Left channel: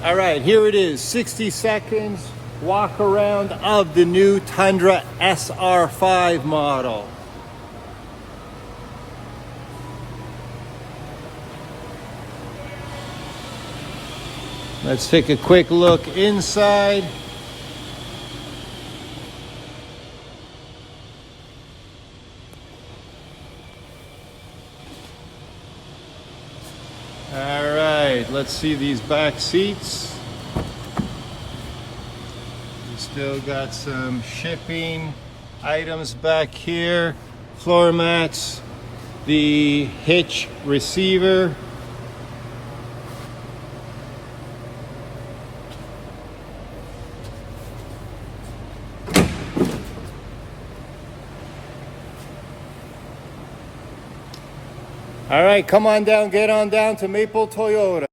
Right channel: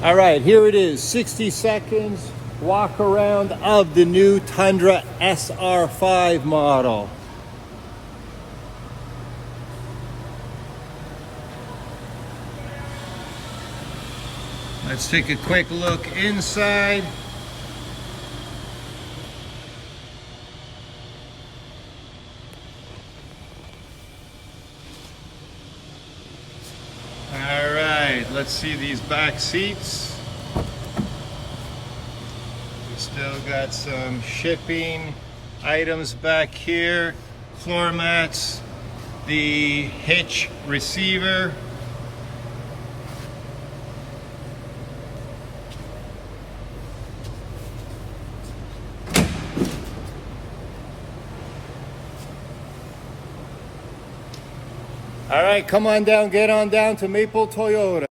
All right, here it is, 60 seconds walk around of the new Tundra SR5 model. Let's take a quick look inside. All right, let's see these back seats. We still got some shipping items back here, floor mats, the hitch receiver. All right, come on down, get on down to Maple Toyota.